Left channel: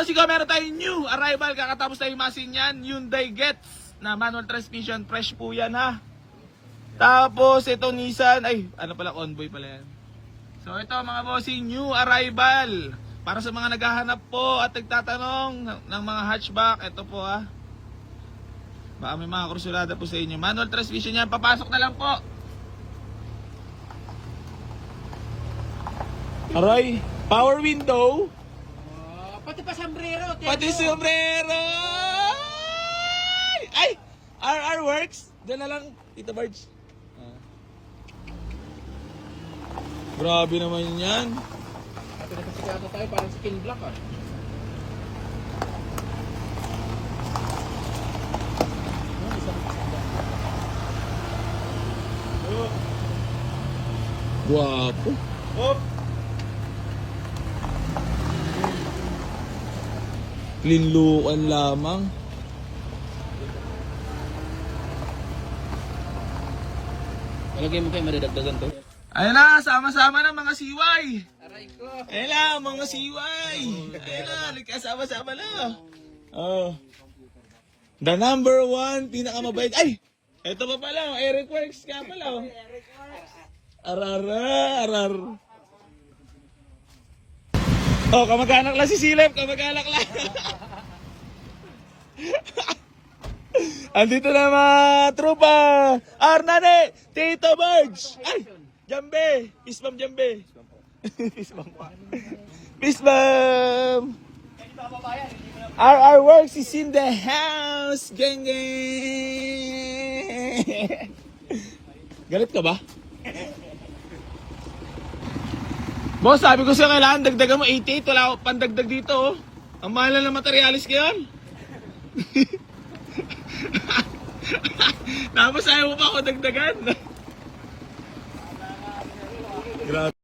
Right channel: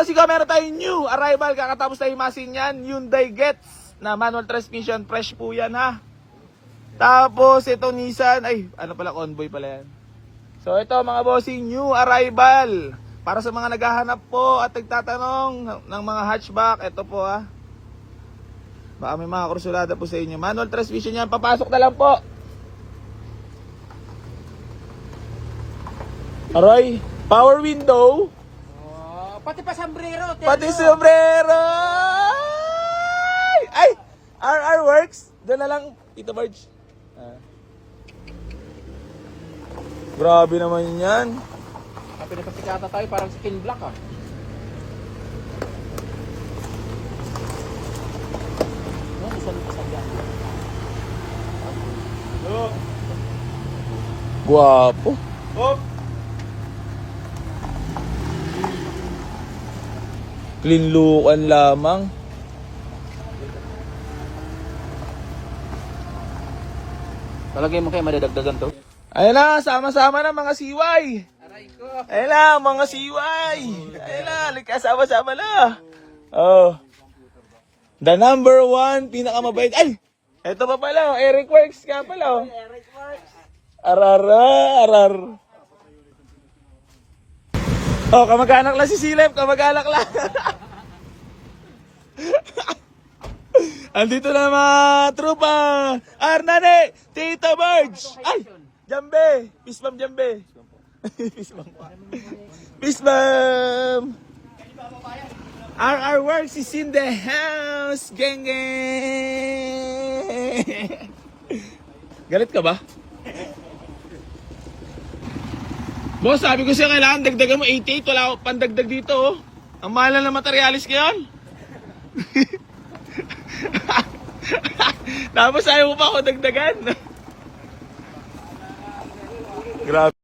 bossing ko, meron tayong new arrival. Kakatapos tayo masin yan. Hyundai Getz na manual transmission. Fresh po yan ha. Tapos itong Nissan. Ay, ano pala, Convoy pala yan. So ito mga bossing, new arrival. Para sa mga naghahanap po at nagtatanong ng mga hatchback. Ito po ha. Baka may mga kursulada po sa inyo. Manual transmission yan. Papasok na lang po. Aray, power window. Pati pa sombrero. Pati sombrero. Ay, RR works. Diyan na lang, Tito Barge. Grabe naman yan. Pati nagkakasata tayo parang skin black ah. Guwapo. Oh. Linlukan lamang. Talagay mo kayo madadagdagan to. Ayun na, sama-sama na mga siway. Aray ko. Ayun na, mga siway. Ayun na, sama-sama na. Oh. The number one, pinakamabait. Ay! Ito pa pala, Eric Works ka pala. Eric Marks. Arar. Oh, kamag-anak lang si Silep, kamag-anak lang. Andito na mga trupa. Arnane, Tito Barge. Ay, Jambe. Pisbam Jambe. Pisbam. RR Works is in the house. Geng geng. Galit ka ba? Boss, sabi ko sa'yo kailangan dagdagan mo 88. Wala akong pandagdag dito. Oh. Ang mahal na ng materialis ko yun. Tapos ayaw mo pa ako dagdagan. Grabe.